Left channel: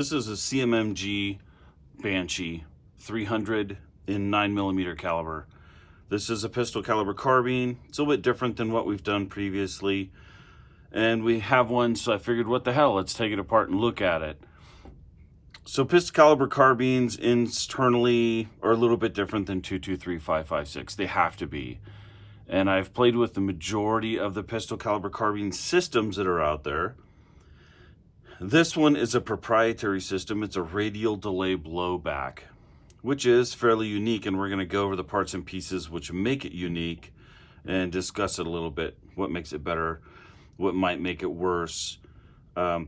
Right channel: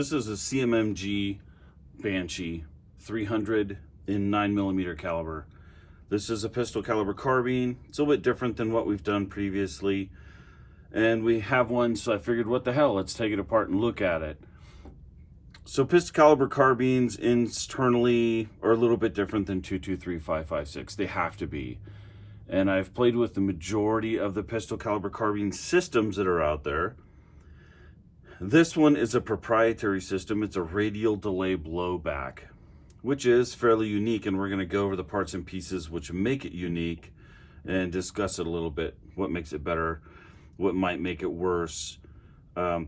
This is a CMMG Banshee 300 in 9mm caliber. This is a pistol caliber carbine. It's a little bit different than what we've done previously. And we have one, so I figured, what the hell, let's take it apart and look at it. So pistol caliber carbines internally are a little bit different than 223, 5.56. They have to be. And I've played with the majority of the pistol caliber carbine systems that are out there. This one is a proprietary system. It's a radial delay blowback, which is fairly unique, and we're going to go over the parts and pieces which make it unique and discuss it a little bit, what makes it better, what might make it worse.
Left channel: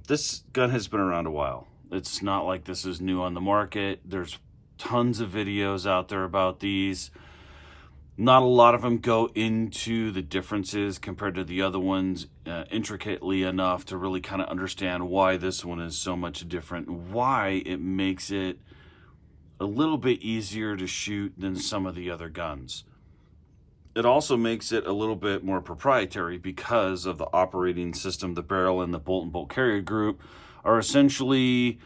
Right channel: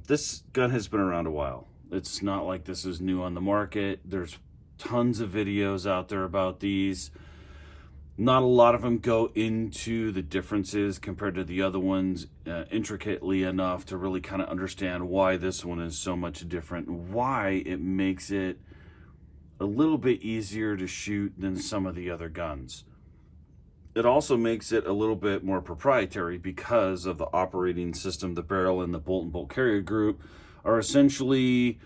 This gun has been around a while. It's not like this is new on the market. There's tons of videos out there about these. Not a lot of them go into the differences compared to the other ones intricately enough to really kind of understand why this one is so much different, why it makes it a little bit easier to shoot than some of the other guns. It also makes it a little bit more proprietary because of the operating system. The barrel and the bolt and bolt carrier group are essentially,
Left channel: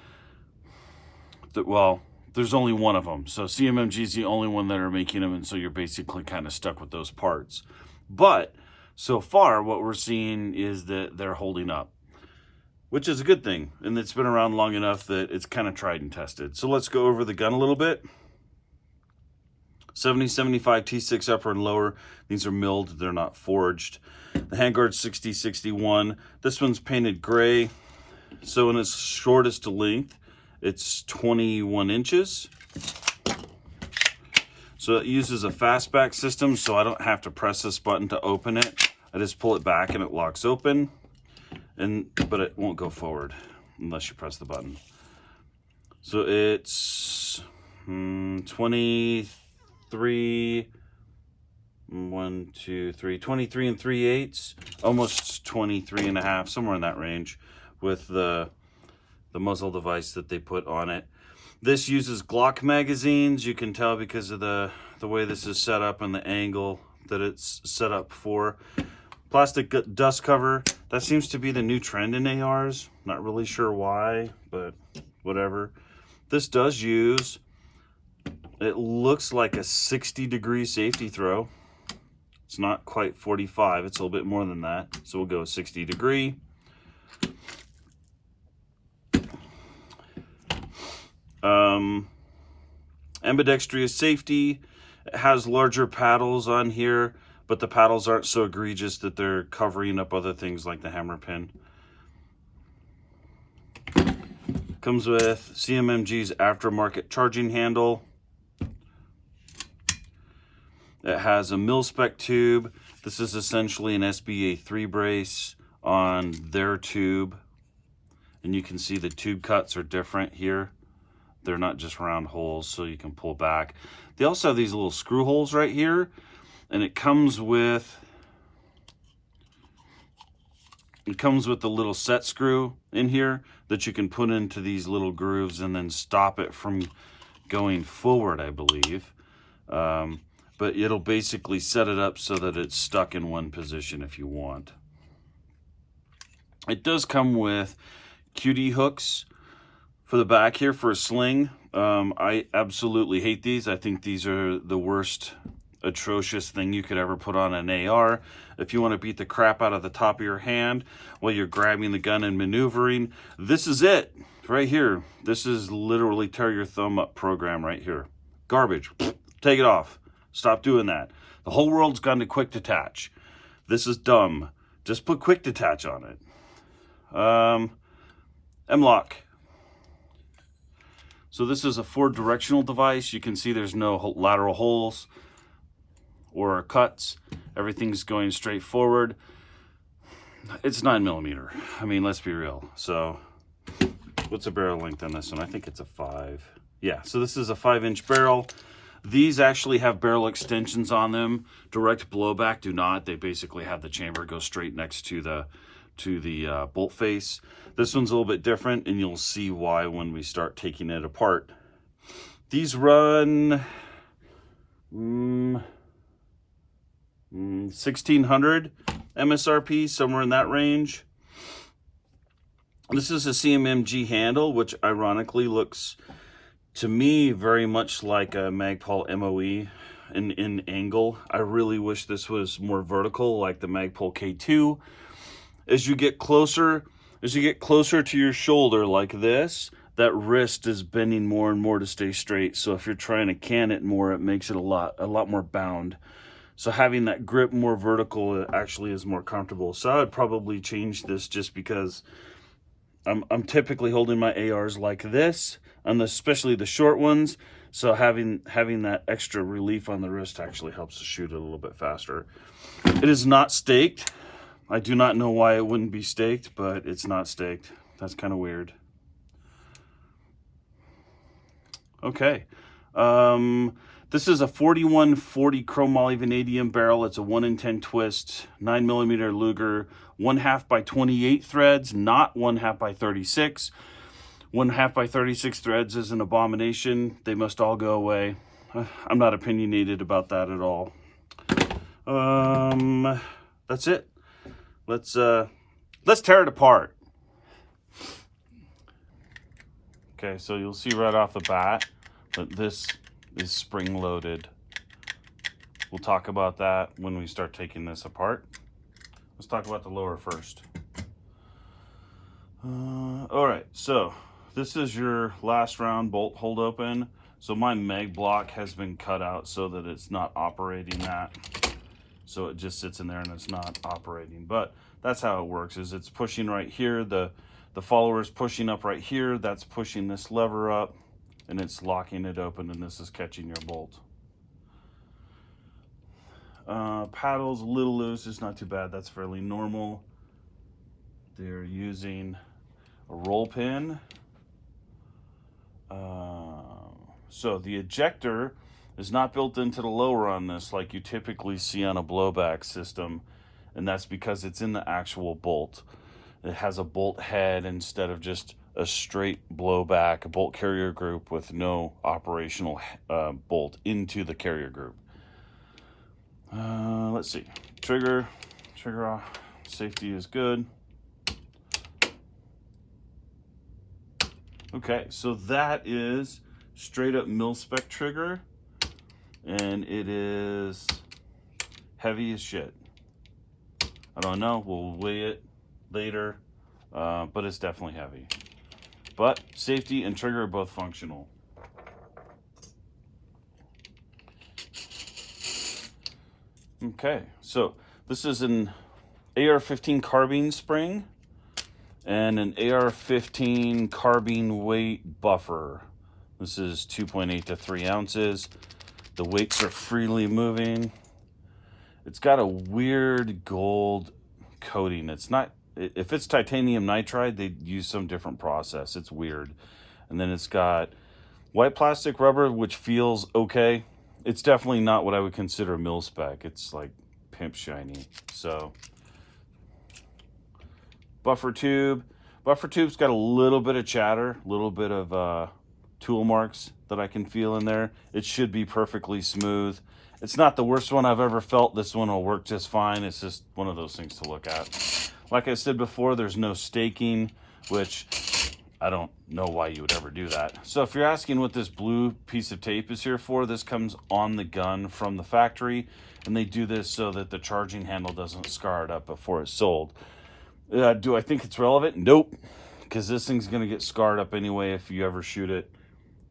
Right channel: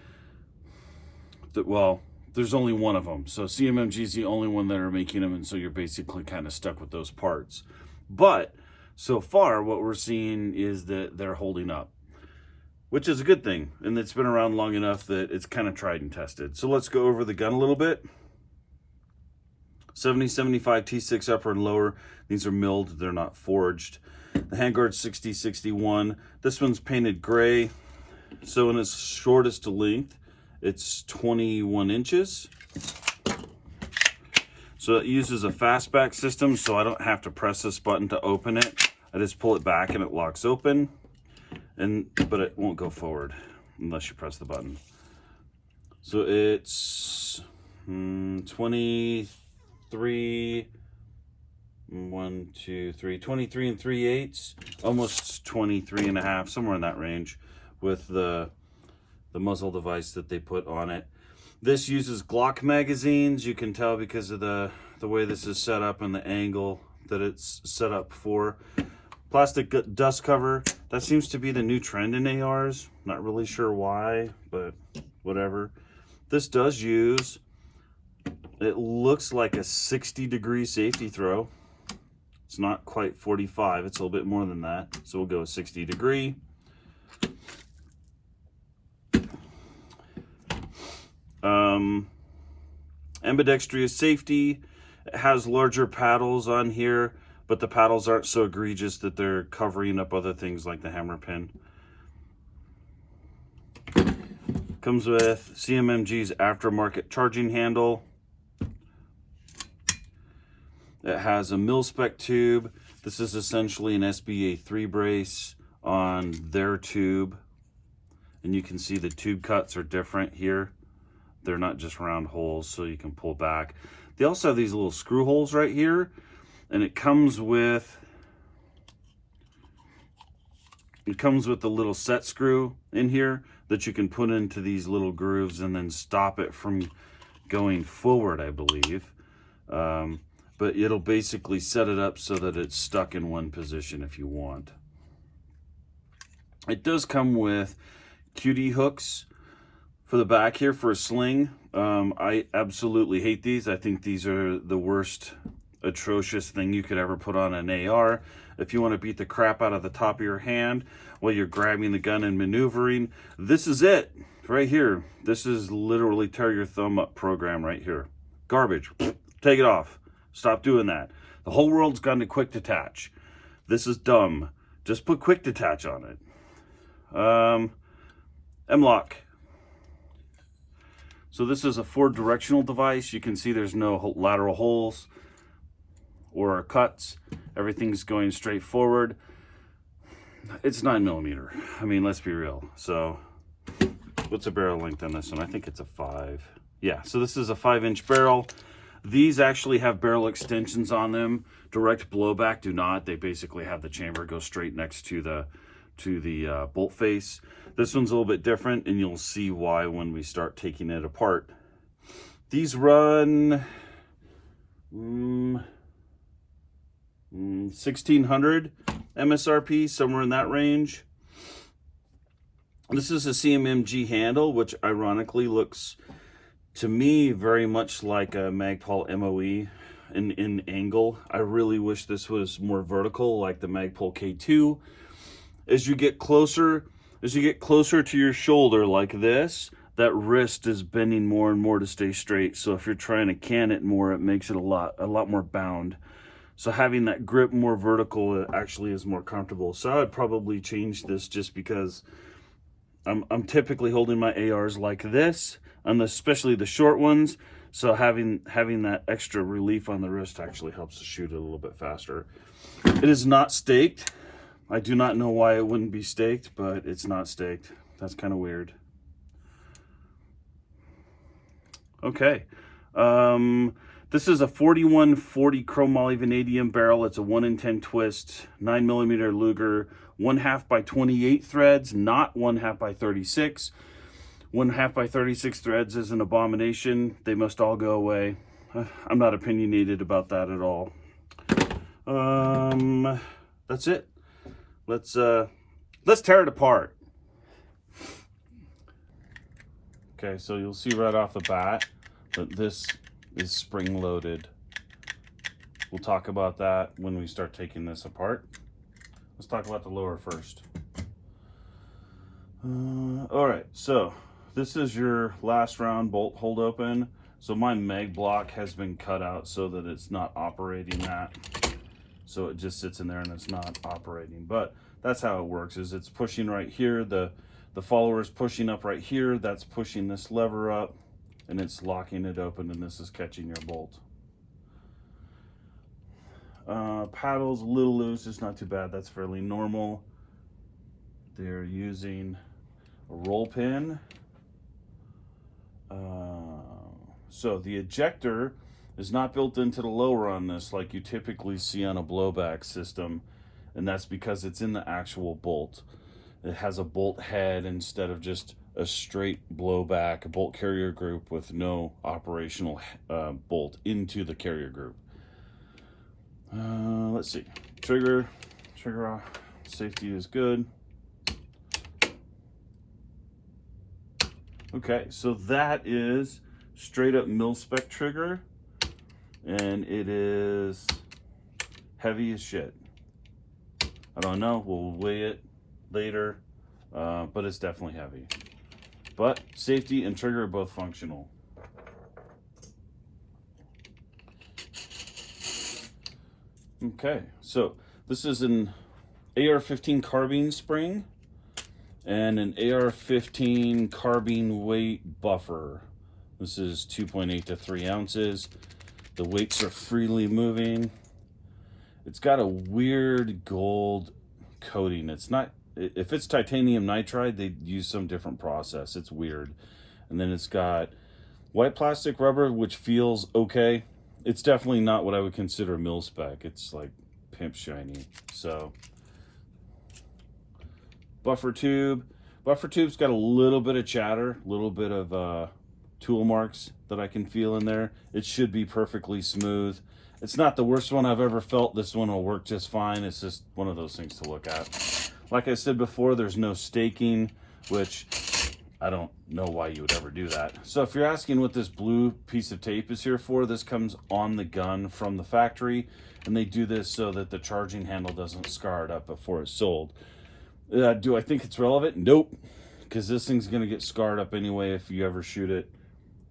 well, there's only one of them. So CMMG is the only one that are making them, and so you're basically kind of stuck with those parts. But so far, what we're seeing is that they're holding up, which is a good thing. And it's been around long enough that it's kind of tried and tested. So let's go over the gun a little bit. 70-75 T6 upper and lower. These are milled, they're not forged. The handguard 60-61. This one's painted gray. So in its shortest length, it's 21 inches. So it uses a fastback system, so I don't have to press this button to open it. I just pull it back and it locks open. But it won't go forward unless you press the button. So it's 23 and 3/8, almost 23 and a half, somewhere in that range, with the muzzle device that they put on it. This uses Glock magazines. You can tell because of the way this is set up and the angle that it's set up for. Plastic dust cover. That seems to be the new trend in ARs. Not really sure why, but whatever. This does use, it looks like a 60-degree safety throw. It's not quite 45. It's a little bit more than that. So we'll go 60-degree. Ambidextrous safety. It has larger paddles on here, but the paddles aren't so egregious that they're covering up other things like the hammer pin. Comes with CMMG's aftermarket charging handle. It has a mil-spec tube. This is essentially an SBA 3 brace on their tube. And you can see the tube cuts are different here. They're not just round holes, so you can pull back. They also have these little screw holes right here. And it comes with the little set screw in here that you can put into these little grooves and then stop it from going forward, I believe. But it'll basically set it up so that it's stuck in one position if you want. It does come with QD hooks for the back here for a sling. I absolutely hate these. I think these are the worst, atrocious thing you could ever put on an AR. If you want to beat the crap out of the top of your hand while you're grabbing the gun and maneuvering, this is it right here. This is literally tear your thumb up program right here. Garbage. Take it off. Stop doing that. The whole world's gone to quick detach. This is dumb. Just put quick detach on it. M-lock. So this is a 4-directional device. You can see there's no lateral holes or cuts. Everything's going straight forward. It's 9mm. I mean, let's be real. So what's the barrel length on this one? I think it's a 5. Yeah, so this is a 5-inch barrel. These actually have barrel extensions on them. Direct blowback do not. They basically have the chamber go straight next to the bolt face. This one's a little bit different, and you'll see why when we start taking it apart. These run 1,600 MSRP, somewhere in that range. This is a CMMG handle, which ironically looks to me very much like a Magpul MOE in angle. I really wish this was more vertical like the Magpul K2. As you get closer to your shoulder like this, that wrist is bending more and more to stay straight. So if you're trying to can it more, it makes it a lot more bound. So having that grip more vertical actually is more comfortable. So I would probably change this, just because I'm typically holding my ARs like this, and especially the short ones. So having that extra relief on the wrist actually helps to shoot it a little bit faster. It is not staked. I do not know why it wouldn't be staked, but it's not staked. That's kind of weird. Okay. This is a 4140 chromoly vanadium barrel. It's a 1 in 10 twist, 9mm Luger, 1/2 by 28 threads, not 1/2 by 36. 1/2 by 36 threads is an abomination. They must all go away. I'm not opinionated about that at all. That's it. Let's tear it apart. Okay, so you'll see right off the bat that this is spring loaded. We'll talk about that when we start taking this apart. Let's talk about the lower first. All right, so this is your last round bolt hold open. So my mag block has been cut out so that it's not operating that. So it just sits in there and it's not operating. But that's how it works, is it's pushing right here. The follower is pushing up right here. That's pushing this lever up, and it's locking it open, and this is catching your bolt. Paddle's a little loose. It's not too bad. That's fairly normal. They're using a roll pin. So the ejector is not built into the lower on this like you typically see on a blowback system, and that's because it's in the actual bolt. It has a bolt head instead of just a straight blowback, a bolt carrier group with no operational bolt into the carrier group. Let's see. Trigger off. Safety is good. Okay, so that is straight up mil-spec trigger, and it is heavy as shit. I don't know, we'll weigh it later, but it's definitely heavy. But safety and trigger are both functional. Okay, so this is an AR-15 carbine spring and an AR-15 carbine weight buffer. This is 2.8 to 3 ounces. The weights are freely moving. It's got a weird gold coating. It's not, if it's titanium nitride, they use some different process. It's weird. And then it's got white plastic rubber, which feels okay. It's definitely not what I would consider mil-spec. It's like pimp shiny. So buffer tube. Buffer tube's got a little bit of chatter, a little bit of tool marks that I can feel in there. It should be perfectly smooth. It's not the worst one I've ever felt. This one will work just fine. It's just one of those things to look at. Like I said before, there's no staking, which I don't know why you would ever do that. So if you're asking what this blue piece of tape is here for, this comes on the gun from the factory, and they do this so that the charging handle doesn't scar it up before it's sold. Do I think it's relevant? Nope, because this thing's going to get scarred up anyway if you ever shoot it.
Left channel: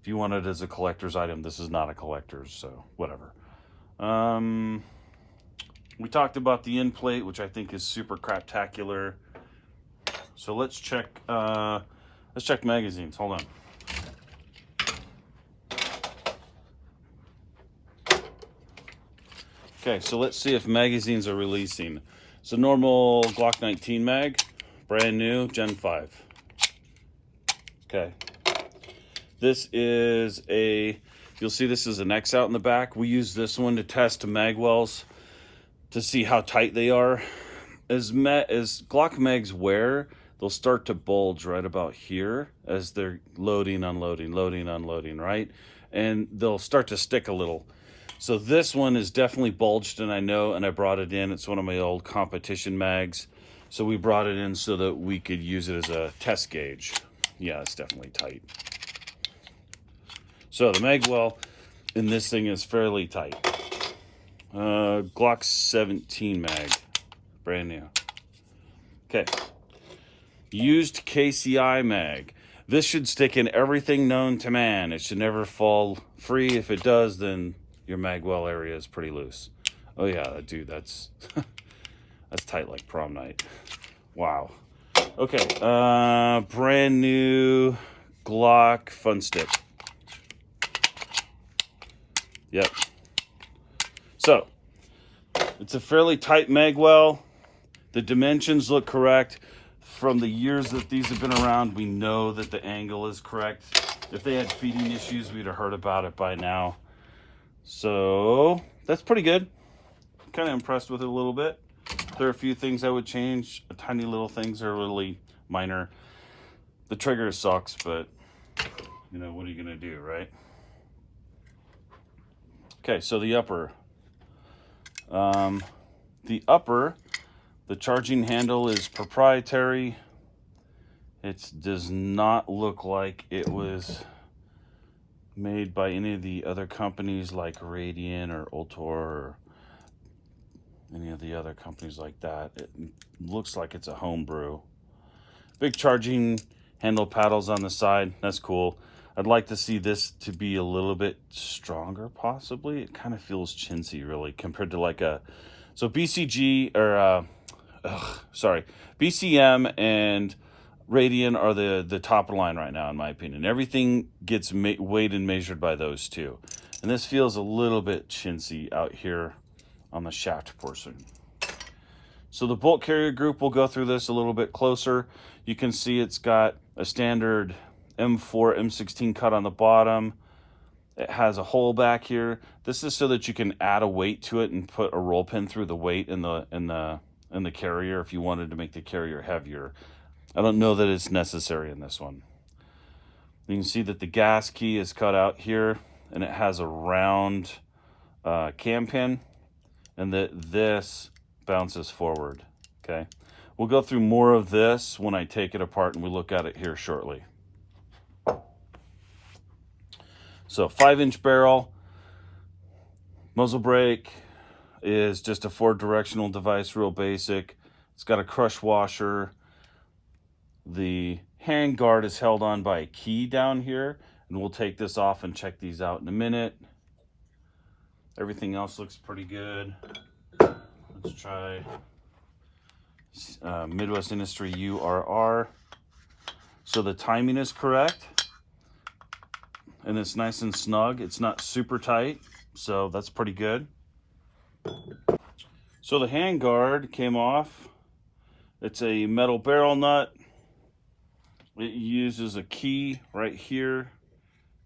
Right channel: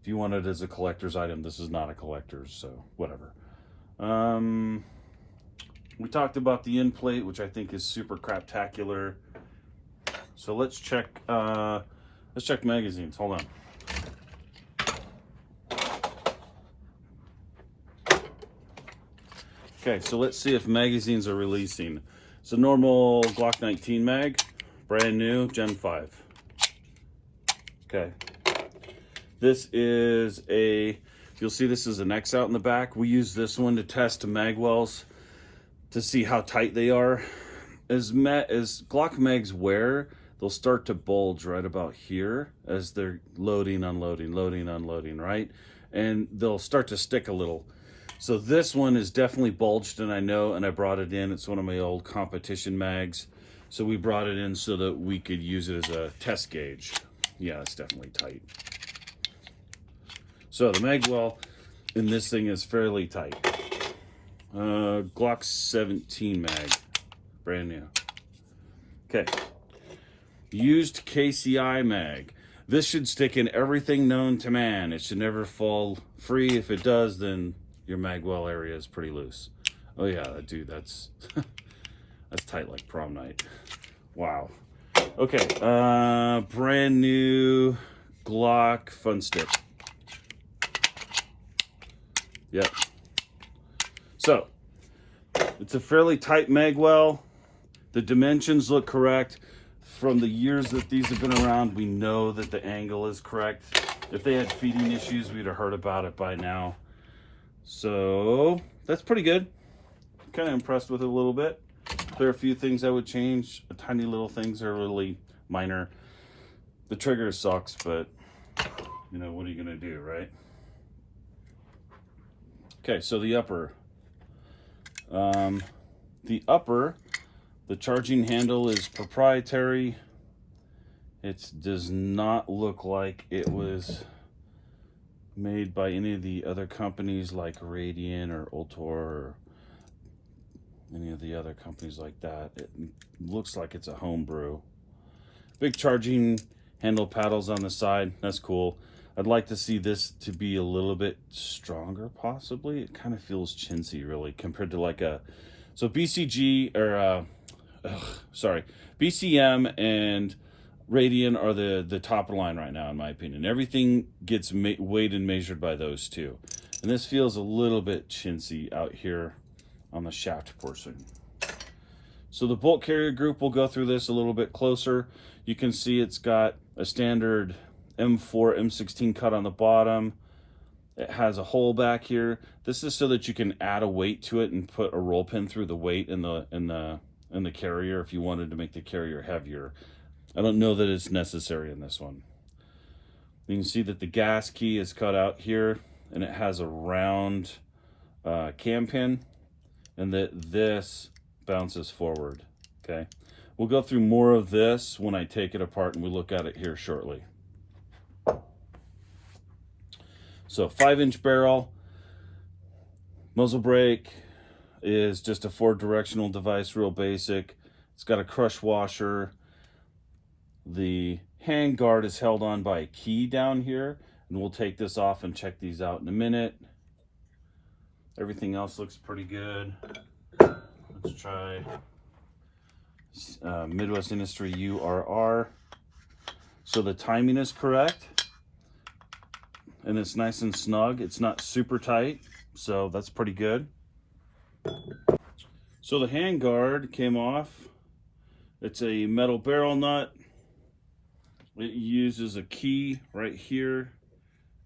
If you want it as a collector's item, this is not a collector's, so whatever. We talked about the end plate, which I think is super craptacular. So let's check magazines. Hold on. Okay, so let's see if magazines are releasing. So normal Glock 19 mag, brand new, Gen 5. Okay. This is you'll see this is an X out in the back. We use this one to test mag wells to see how tight they are. As Glock mags wear, they'll start to bulge right about here as they're loading, unloading, right? And they'll start to stick a little. So this one is definitely bulged, and I know, and I brought it in. It's one of my old competition mags. So we brought it in so that we could use it as a test gauge. Yeah, it's definitely tight. So the mag well in this thing is fairly tight. Glock 17 mag, brand new. Okay, used KCI mag. This should stick in everything known to man. It should never fall free. If it does, then your mag well area is pretty loose. Oh yeah, dude, that's that's tight like prom night. Wow. Okay, brand new Glock fun stick. Yep. So, it's a fairly tight mag well. The dimensions look correct. From the years that these have been around, we know that the angle is correct. If they had feeding issues, we'd have heard about it by now. So, that's pretty good. Kind of impressed with it a little bit. There are a few things I would change. Tiny little things are really minor. The trigger sucks, but you know, what are you gonna do, right? Okay, so the upper. The charging handle is proprietary. It does not look like it was made by any of the other companies like Radian or Ultor or any of the other companies like that. It looks like it's a homebrew. Big charging handle paddles on the side. That's cool. I'd like to see this to be a little bit stronger, possibly. It kind of feels chintzy, really, compared to like a... So BCG, or... BCM and Radian are the top of the line right now, in my opinion. Everything gets weighed and measured by those two. And this feels a little bit chintzy out here on the shaft portion. So the bolt carrier group, will go through this a little bit closer. You can see it's got a standard M4, M16 cut on the bottom. It has a hole back here. This is so that you can add a weight to it and put a roll pin through the weight in the carrier if you wanted to make the carrier heavier. I don't know that it's necessary in this one. You can see that the gas key is cut out here, and it has a round cam pin, and that this bounces forward. Okay, we'll go through more of this when I take it apart and we look at it here shortly. So 5-inch barrel, muzzle brake is just a 4-directional device, real basic. It's got a crush washer. The hand guard is held on by a key down here, and we'll take this off and check these out in a minute. Everything else looks pretty good. Let's try Midwest Industry URR. So the timing is correct, and it's nice and snug. It's not super tight, so that's pretty good. So the hand guard came off. It's a metal barrel nut. It uses a key right here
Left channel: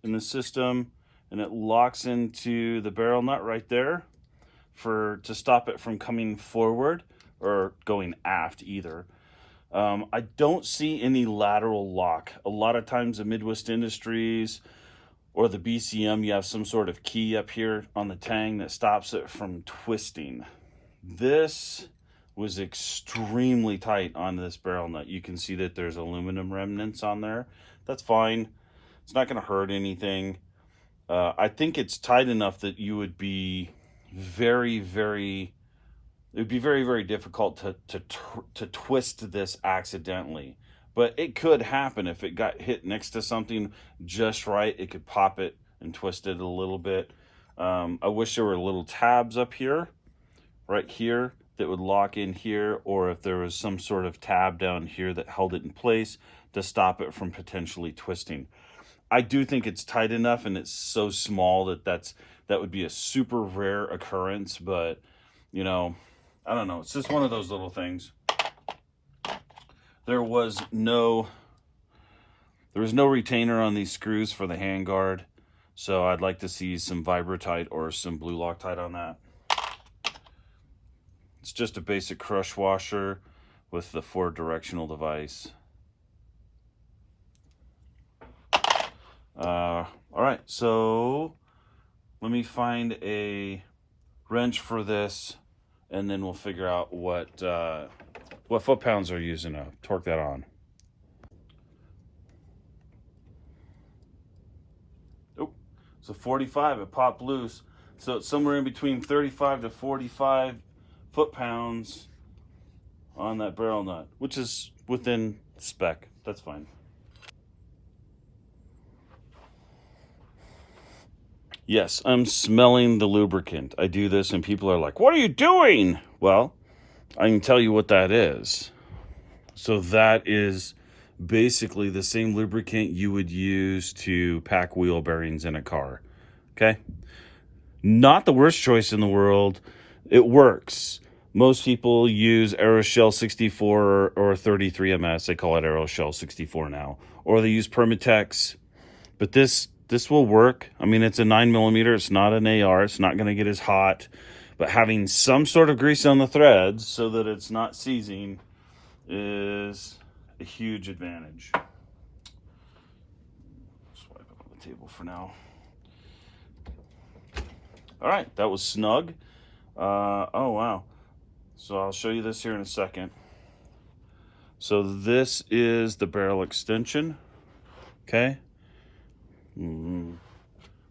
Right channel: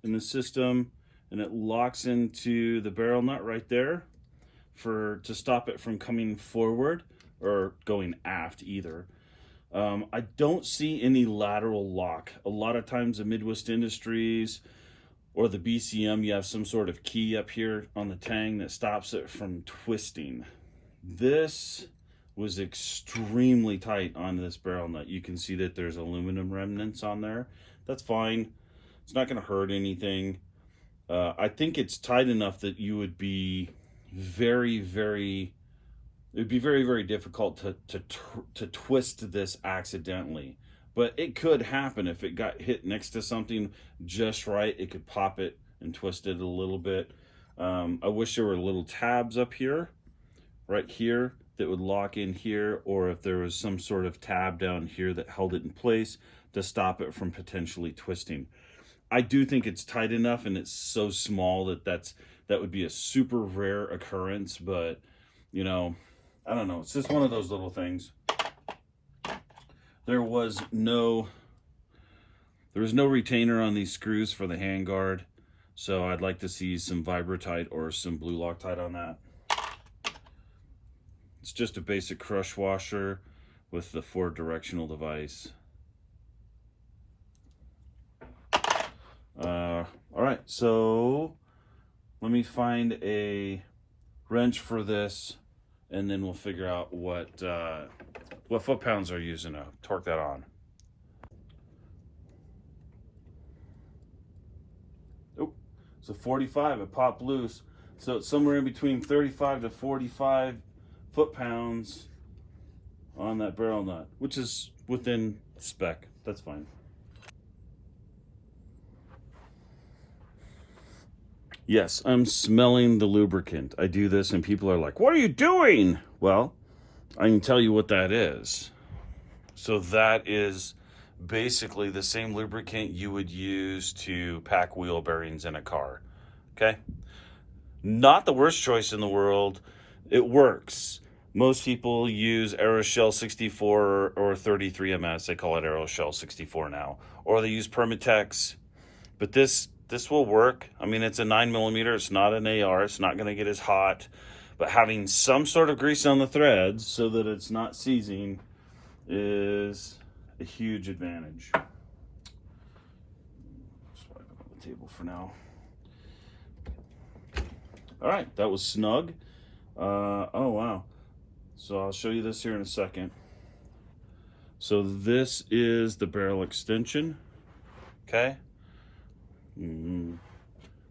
in the system, and it locks into the barrel nut right there to stop it from coming forward or going aft either. I don't see any lateral lock. A lot of times the Midwest Industries or the BCM, you have some sort of key up here on the tang that stops it from twisting. This was extremely tight on this barrel nut. You can see that there's aluminum remnants on there. That's fine. It's not going to hurt anything. I think it's tight enough that you would be very, very difficult to twist this accidentally. But it could happen if it got hit next to something just right. It could pop it and twist it a little bit. I wish there were little tabs up here, right here, that would lock in here, or if there was some sort of tab down here that held it in place to stop it from potentially twisting. I do think it's tight enough, and it's so small that would be a super rare occurrence, but you know, I don't know. It's just one of those little things. There was no retainer on these screws for the handguard, so I'd like to see some Vibratite or some blue Loctite on that. It's just a basic crush washer with the 4-directional device. All right, so let me find a wrench for this, and then we'll figure out what What foot-pounds are you using to torque that on? Oh, so 45, it popped loose. So it's somewhere in between 35 to 45 foot-pounds on that barrel nut, which is within spec. That's fine. Yes, I'm smelling the lubricant. I do this and people are like, what are you doing? Well, I can tell you what that is. So that is basically the same lubricant you would use to pack wheel bearings in a car. Okay? Not the worst choice in the world. It works. Most people use Aeroshell 64 or 33MS. They call it Aeroshell 64 now. Or they use Permatex. But this will work. I mean, it's a 9mm. It's not an AR. It's not going to get as hot. But having some sort of grease on the threads so that it's not seizing is a huge advantage. Just wipe it on the table for now. All right, that was snug. Oh, wow. So I'll show you this here in a second. So this is the barrel extension, okay?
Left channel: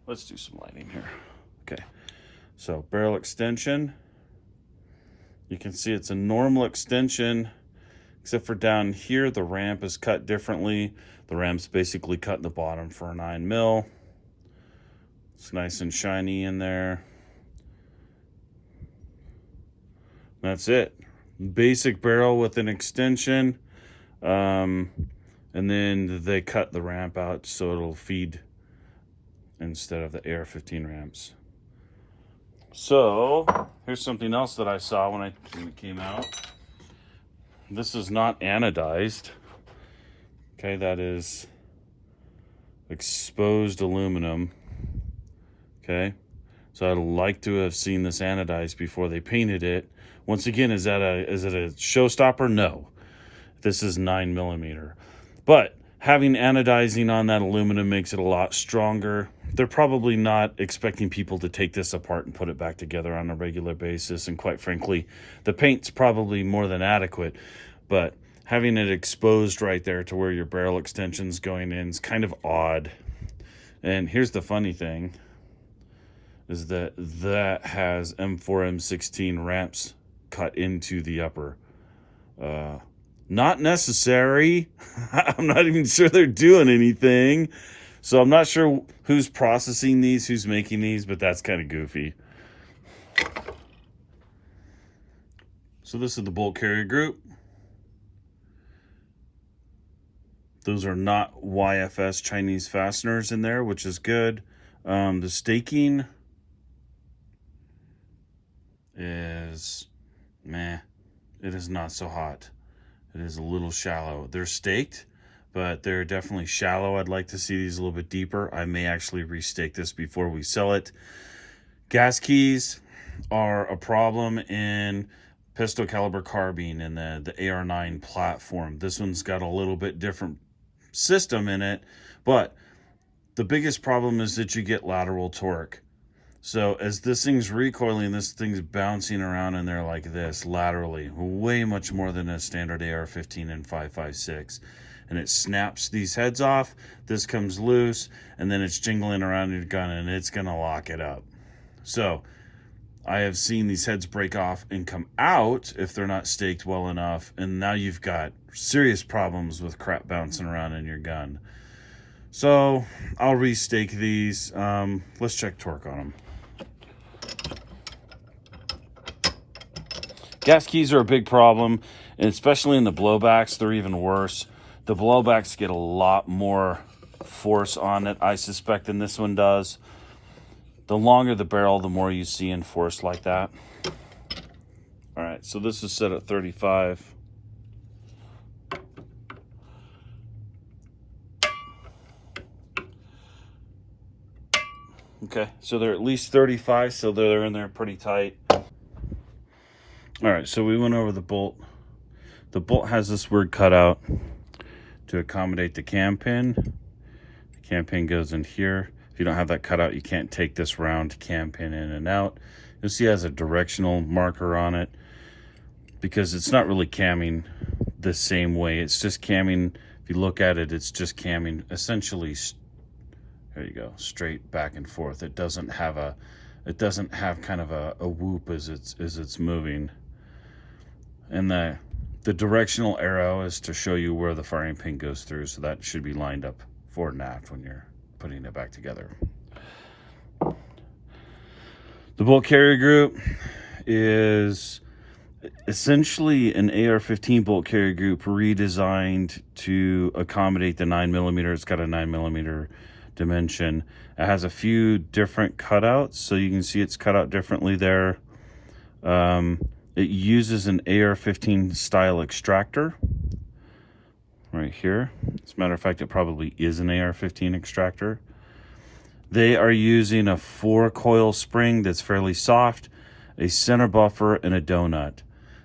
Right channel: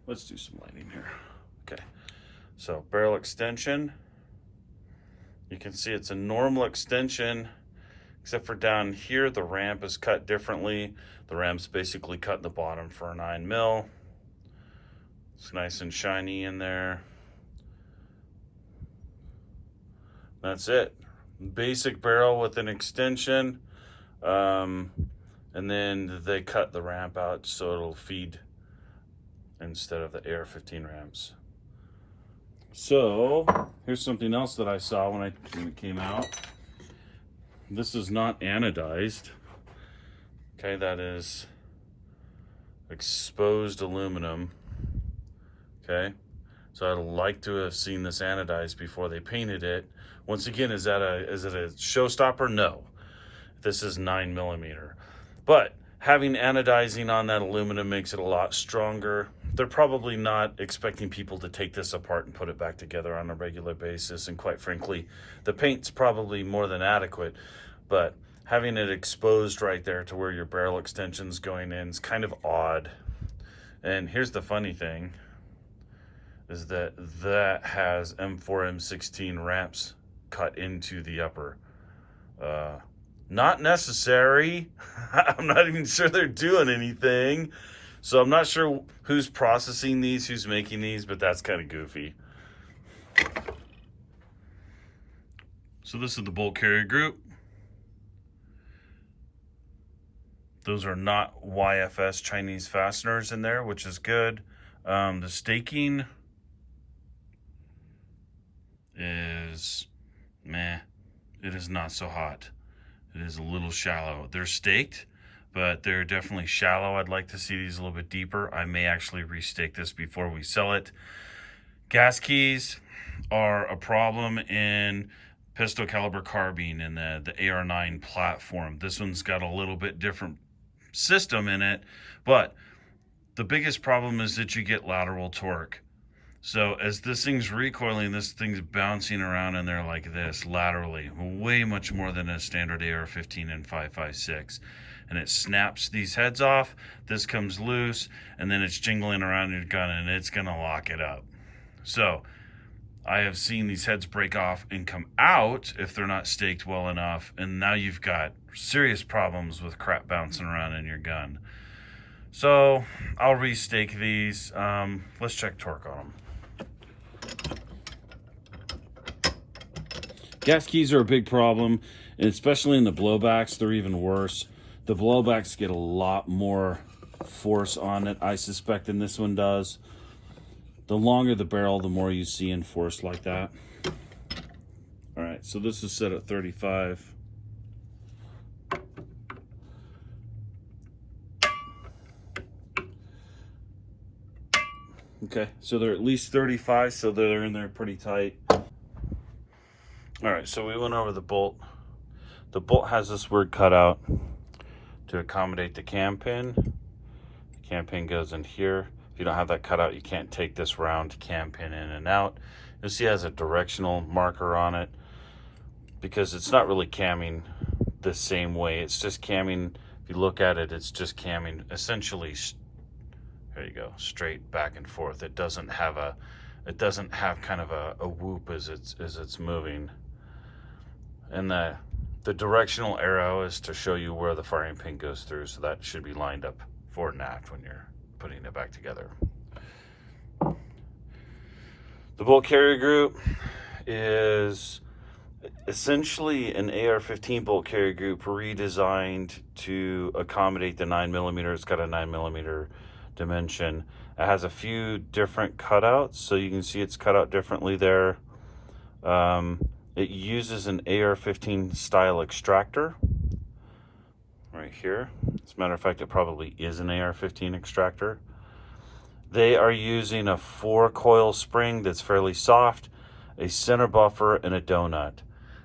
Let's do some lighting here. Okay, so barrel extension. You can see it's a normal extension, except for down here, the ramp is cut differently. The ramp's basically cut in the bottom for a 9mm. It's nice and shiny in there. That's it. Basic barrel with an extension. And then they cut the ramp out so it'll feed instead of the AR-15 ramps. So here's something else that I saw when it came out. This is not anodized. Okay, that is exposed aluminum. Okay, so I'd like to have seen this anodized before they painted it. Once again, is it a showstopper? No. This is 9mm. But having anodizing on that aluminum makes it a lot stronger. They're probably not expecting people to take this apart and put it back together on a regular basis. And quite frankly, the paint's probably more than adequate. But having it exposed right there to where your barrel extension's going in is kind of odd. And here's the funny thing, is that has M4, M16 ramps cut into the upper. Not necessary. I'm not even sure they're doing anything. So I'm not sure who's processing these, who's making these, but that's kind of goofy. So this is the bolt carrier group. Those are not YFS Chinese fasteners in there, which is good. The staking is meh. It is not so hot. It is a little shallow. They're staked, but they're definitely shallow. I'd like to see these a little bit deeper. I may actually restake this before we sell it. Gas keys are a problem in pistol caliber carbine in the AR9 platform. This one's got a little bit different system in it, but the biggest problem is that you get lateral torque. So as this thing's recoiling, this thing's bouncing around in there like this laterally, way much more than a standard AR-15 and 5.56. And it snaps these heads off, this comes loose, and then it's jingling around your gun and it's gonna lock it up. So I have seen these heads break off and come out if they're not staked well enough, and now you've got serious problems with crap bouncing around in your gun. So I'll restake these. Let's check torque on them. Gas keys are a big problem, and especially in the blowbacks, they're even worse. The blowbacks get a lot more force on it, I suspect, than this one does. The longer the barrel, the more you see in force like that. All right, so this is set at 35. Okay, so they're at least 35, so they're in there pretty tight. All right, so we went over the bolt. The bolt has this word cut out to accommodate the cam pin. The cam pin goes in here. If you don't have that cut out, you can't take this round cam pin in and out. You'll see it has a directional marker on it. because it's not really camming the same way. It's just camming, if you look at it, it's just camming essentially, there you go, straight back and forth. It doesn't have kind of a whoop as it's moving. And the directional arrow is to show you where the firing pin goes through, so that should be lined up forward and aft when you're putting it back together. The bolt carrier group is essentially an AR-15 bolt carrier group redesigned to accommodate the 9mm. It's got a 9mm dimension. It has a few different cutouts, so you can see it's cut out differently there. It uses an AR-15 style extractor right here. As a matter of fact, it probably is an AR-15 extractor. They are using a 4-coil spring that's fairly soft, a center buffer, and a donut.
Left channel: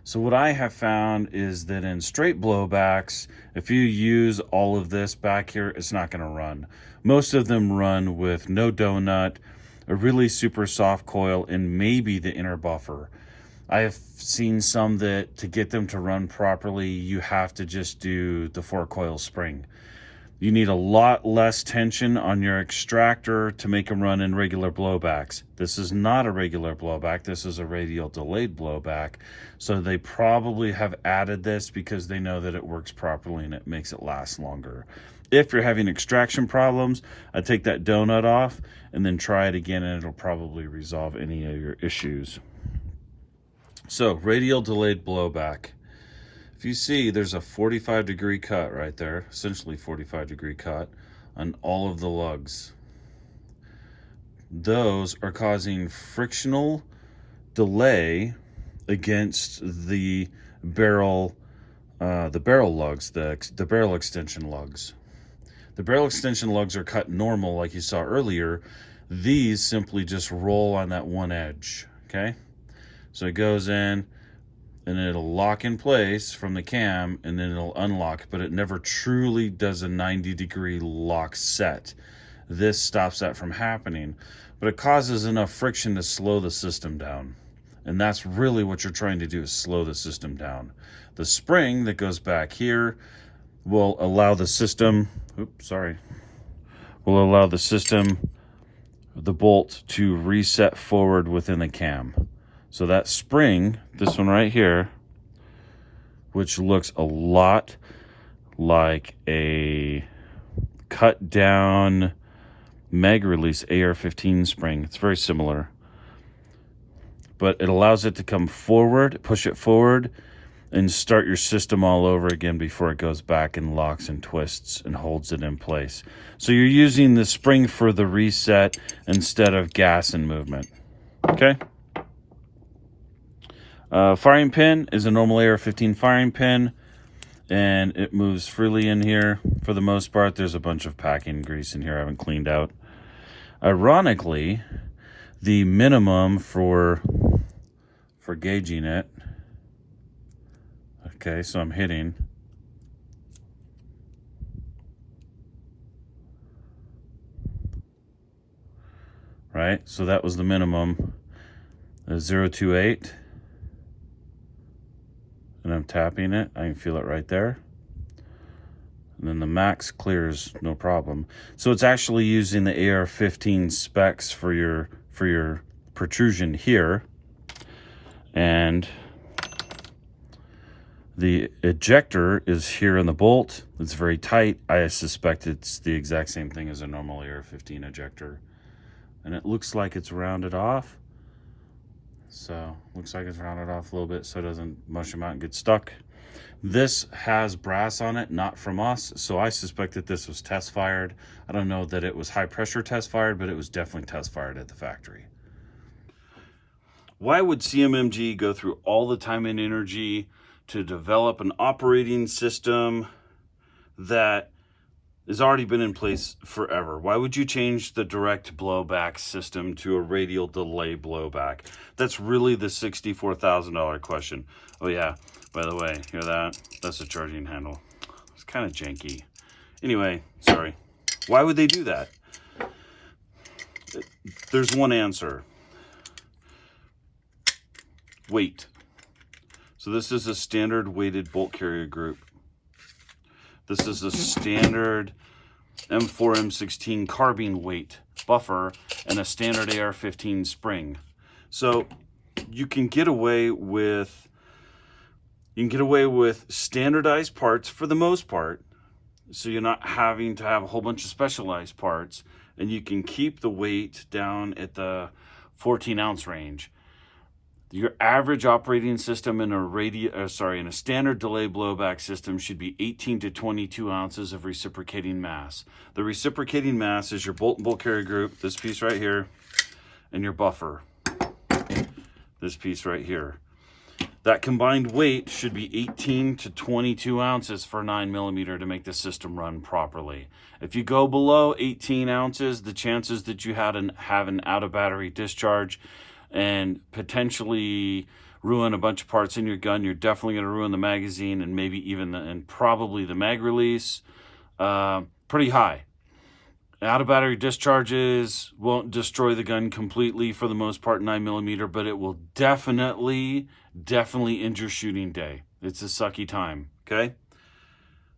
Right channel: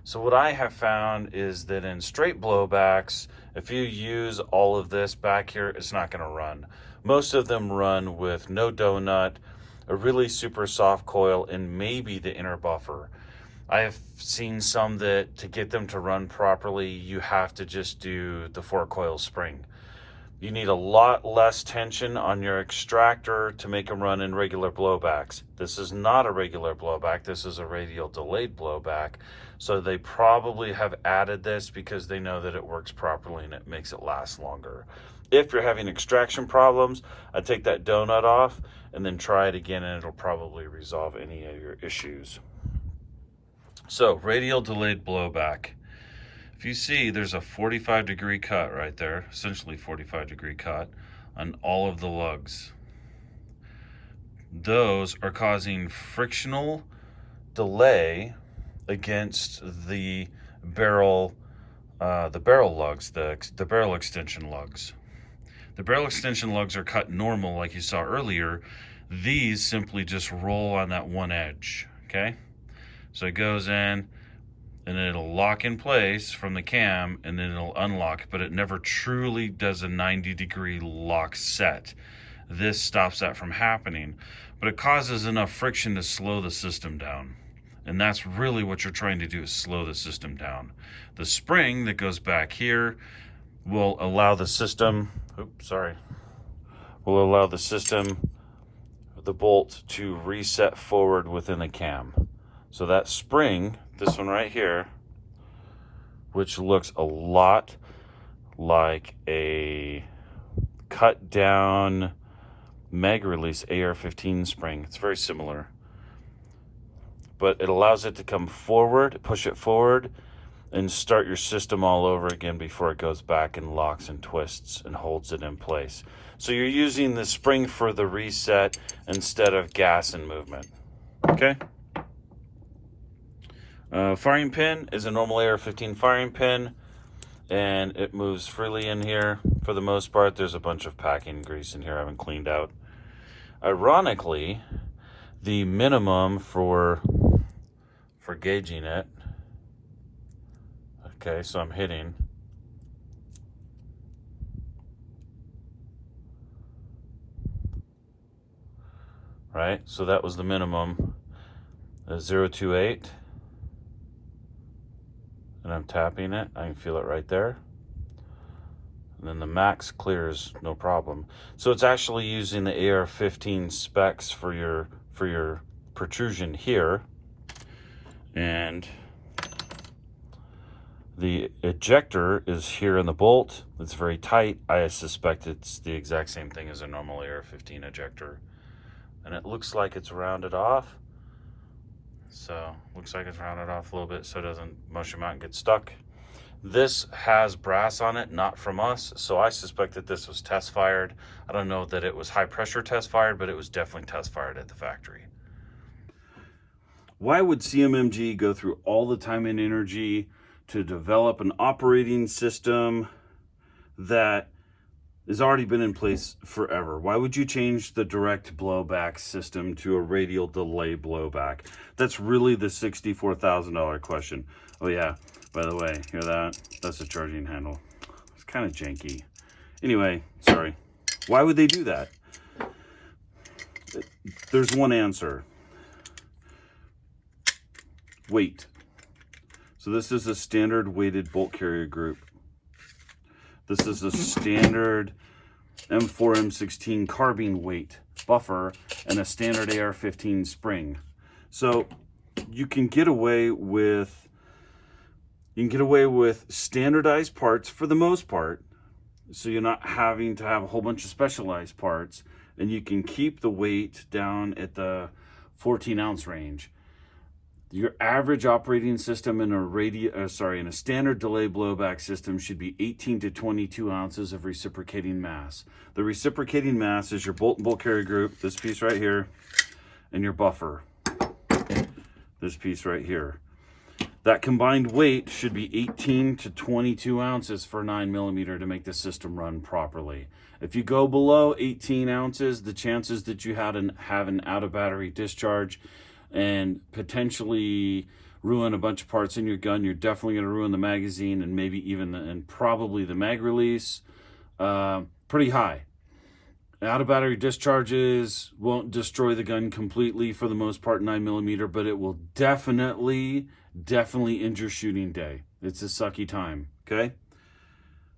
So what I have found is that in straight blowbacks, if you use all of this back here, it's not going to run. Most of them run with no donut, a really super soft coil, and maybe the inner buffer. I have seen some that to get them to run properly, you have to just do the 4-coil spring. You need a lot less tension on your extractor to make them run in regular blowbacks. This is not a regular blowback. This is a radial delayed blowback. So they probably have added this because they know that it works properly and it makes it last longer. If you're having extraction problems, I take that donut off and then try it again, and it'll probably resolve any of your issues. So, radial delayed blowback. If you see, there's a 45-degree cut right there, essentially 45-degree cut on all of the lugs. Those are causing frictional delay against the barrel lugs, the barrel extension lugs. The barrel extension lugs are cut normal like you saw earlier. These simply just roll on that one edge, okay? So it goes in, and it'll lock in place from the cam, and then it'll unlock, but it never truly does a 90-degree lock set. This stops that from happening, but it causes enough friction to slow the system down. And that's really what you're trying to do, is slow the system down. The spring that goes back here will allow the system, the bolt to reset forward within the cam. So that spring, this one right here, which looks a lot like a cut down mag release AR-15 spring. It's very similar, but it allows it to come forward, push it forward, and start your system all over again before it goes back and locks and twists and holds it in place. So you're using the spring for the reset instead of gas and movement. Okay. Firing pin is a normal AR-15 firing pin, and it moves freely in here for the most part. There's a bunch of packing grease in here I haven't cleaned out. Ironically, the minimum for gauging it, okay, so I'm hitting, right, so that was the minimum, 0.28. And I'm tapping it, I can feel it right there. And then the max clears no problem. So it's actually using the AR-15 specs for your protrusion here. And the ejector is here in the bolt. It's very tight. I suspect it's the exact same thing as a normal AR-15 ejector. And it looks like it's rounded off. So looks like it's rounded off a little bit so it doesn't mush them out and get stuck. This has brass on it, not from us, so I suspect that this was test fired. I don't know that it was high pressure test fired, but it was definitely test fired at the factory. Why would CMMG go through all the time and energy to develop an operating system that has already been in place forever? Why would you change the direct blowback system to a radial delay blowback? That's really the $64,000 question. Oh yeah, by the way, hear that? That's a charging handle. It's kind of janky. Anyway, sorry. Why would they do that? There's one answer. Weight. So this is a standard weighted bolt carrier group. This is a standard M4, M16 carbine weight buffer and a standard AR-15 spring. So you can get away with standardized parts for the most part. So you're not having to have a whole bunch of specialized parts, and you can keep the weight down at the 14-ounce range. Your average operating system in a standard delay blowback system should be 18 to 22 ounces of reciprocating mass. The reciprocating mass is your bolt and bolt carrier group, this piece right here, and your buffer, this piece right here. That combined weight should be 18 to 22 ounces for 9mm to make the system run properly. If you go below 18 ounces, the chances that you have an out of battery discharge and potentially ruin a bunch of parts in your gun, you're definitely going to ruin the magazine and maybe even probably the mag release, pretty high. Out of battery discharges won't destroy the gun completely for the most part, 9mm, but it will definitely end your shooting day. It's a sucky time, okay?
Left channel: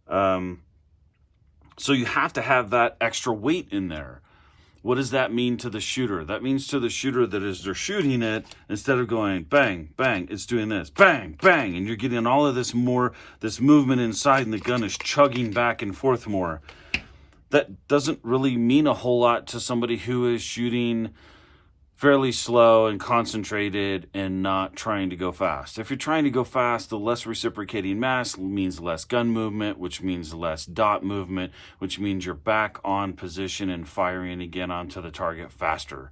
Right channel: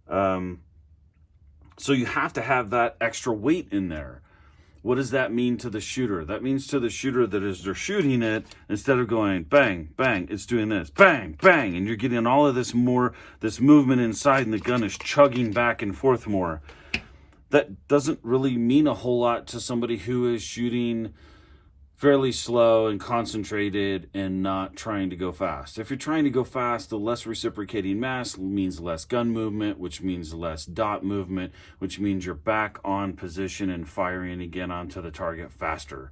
So you have to have that extra weight in there. What does that mean to the shooter? That means to the shooter that as they're shooting it, instead of going bang, bang, it's doing this, bang, bang, and you're getting all of this movement inside, and the gun is chugging back and forth more. That doesn't really mean a whole lot to somebody who is shooting fairly slow and concentrated and not trying to go fast. If you're trying to go fast, the less reciprocating mass means less gun movement, which means less dot movement, which means you're back on position and firing again onto the target faster.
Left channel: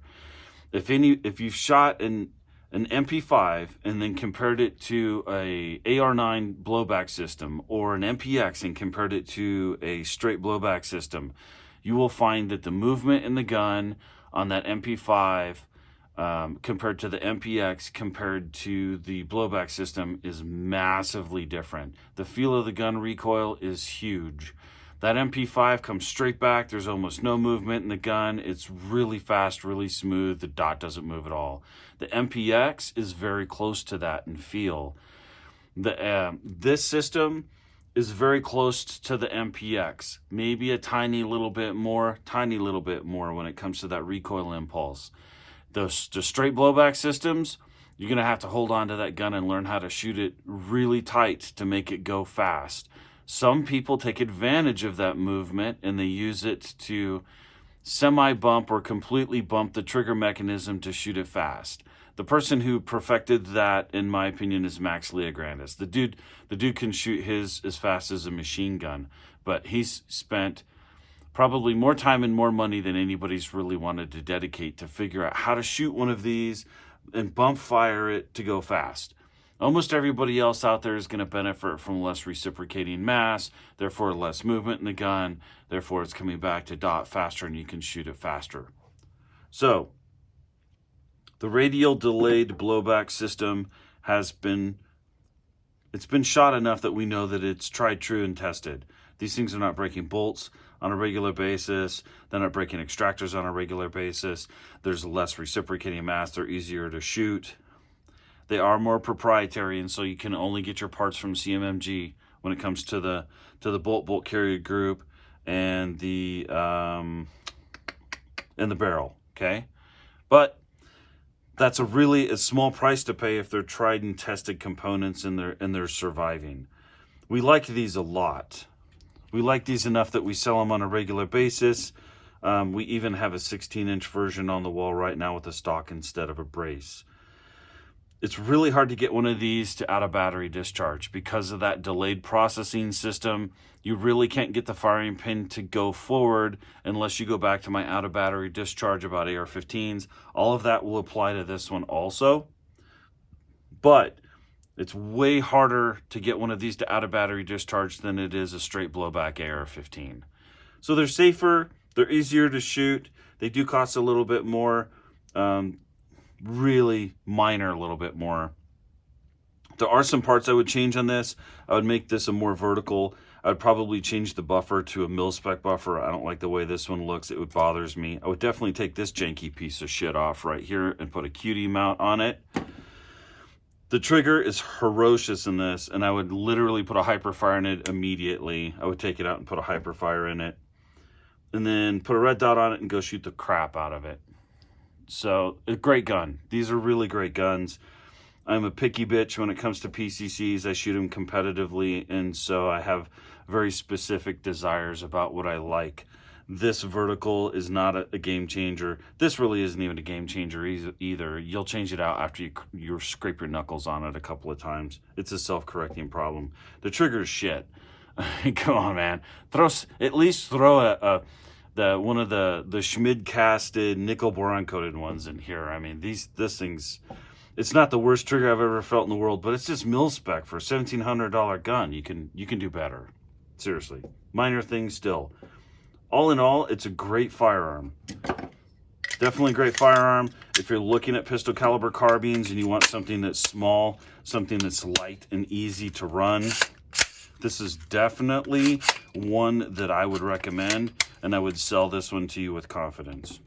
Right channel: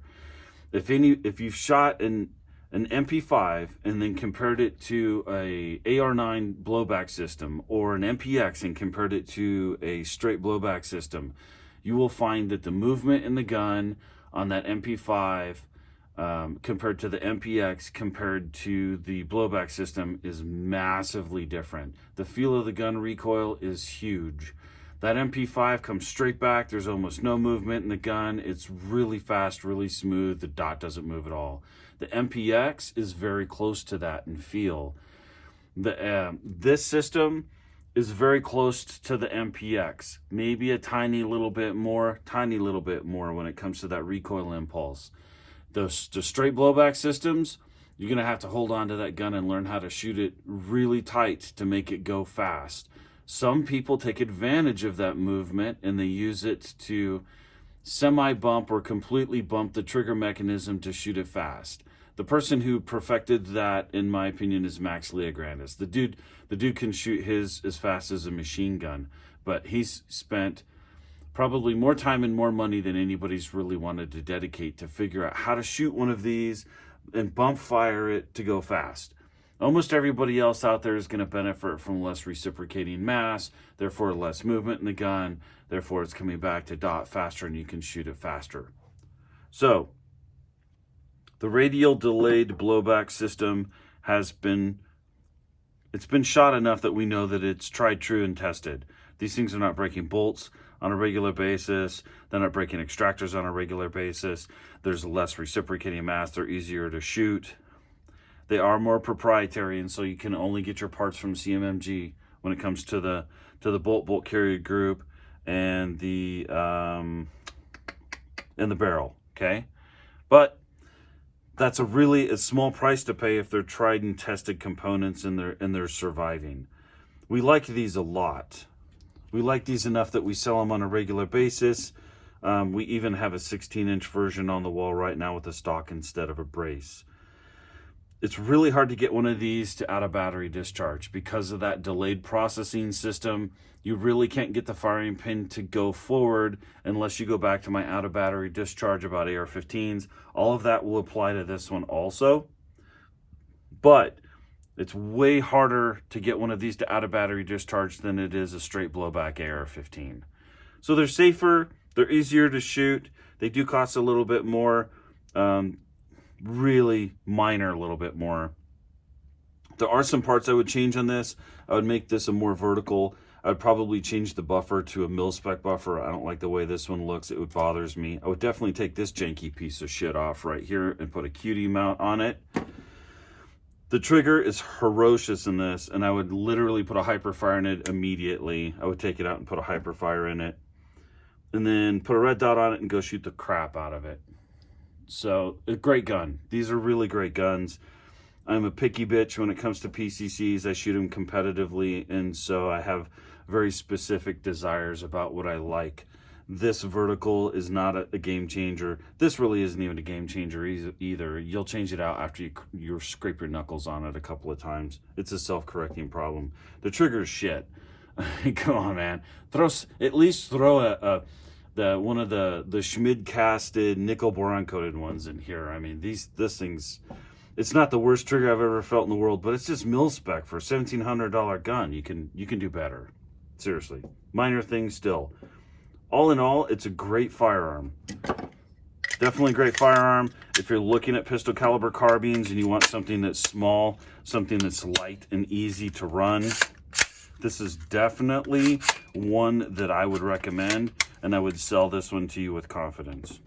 If you've shot an MP5 and then compared it to a AR9 blowback system or an MPX and compared it to a straight blowback system, you will find that the movement in the gun on that MP5 compared to the MPX compared to the blowback system is massively different. The feel of the gun recoil is huge. That MP5 comes straight back. There's almost no movement in the gun. It's really fast, really smooth. The dot doesn't move at all. The MPX is very close to that in feel. This system is very close to the MPX. Maybe a tiny little bit more when it comes to that recoil impulse. The straight blowback systems, you're going to have to hold on to that gun and learn how to shoot it really tight to make it go fast. Some people take advantage of that movement and they use it to semi-bump or completely bump the trigger mechanism to shoot it fast. The person who perfected that, in my opinion, is Max Leograndis. The dude can shoot his as fast as a machine gun, but he's spent probably more time and more money than anybody's really wanted to dedicate to figure out how to shoot one of these and bump fire it to go fast. Almost everybody else out there is going to benefit from less reciprocating mass, therefore less movement in the gun, therefore it's coming back to dot faster and you can shoot it faster. So, the radial delayed blowback system it's been shot enough that we know that it's tried, true, and tested. These things are not breaking bolts on a regular basis. They're not breaking extractors on a regular basis. There's less reciprocating mass. They're easier to shoot. They are more proprietary, and so you can only get your parts from CMMG when it comes to the bolt carrier group and the barrel. Okay, but that's a small price to pay if they're tried and tested components and they're surviving. We like these a lot. We like these enough that we sell them on a regular basis. We even have a 16-inch version on the wall right now with a stock instead of a brace. It's really hard to get one of these to out of battery discharge because of that delayed processing system. You really can't get the firing pin to go forward unless you go back to my out of battery discharge about AR-15s. All of that will apply to this one also. But it's way harder to get one of these to out of battery discharge than it is a straight blowback AR-15. So they're safer, they're easier to shoot, they do cost a little bit more, really minor a little bit more. There are some parts I would change on this. I would make this a more vertical. I would probably change the buffer to a mil-spec buffer. I don't like the way this one looks. It bothers me. I would definitely take this janky piece of shit off right here and put a QD mount on it. The trigger is ferocious in this, and I would literally put a hyperfire in it immediately. I would take it out and put a hyperfire in it, and then put a red dot on it and go shoot the crap out of it. So, a great gun. These are really great guns. I'm a picky bitch when it comes to PCCs. I shoot them competitively, and so I have very specific desires about what I like. This vertical is not a game changer. This really isn't even a game changer either. You'll change it out after you scrape your knuckles on it a couple of times. It's a self-correcting problem. The trigger is shit. Come on, man. At least throw one of the Schmid casted nickel boron coated ones in here. I mean, this thing's, it's not the worst trigger I've ever felt in the world, but it's just mil spec for a $1,700 gun. You can do better. Seriously, minor things still. All in all, it's a great firearm. Definitely a great firearm. If you're looking at pistol caliber carbines and you want something that's small, something that's light and easy to run, this is definitely one that I would recommend, and I would sell this one to you with confidence.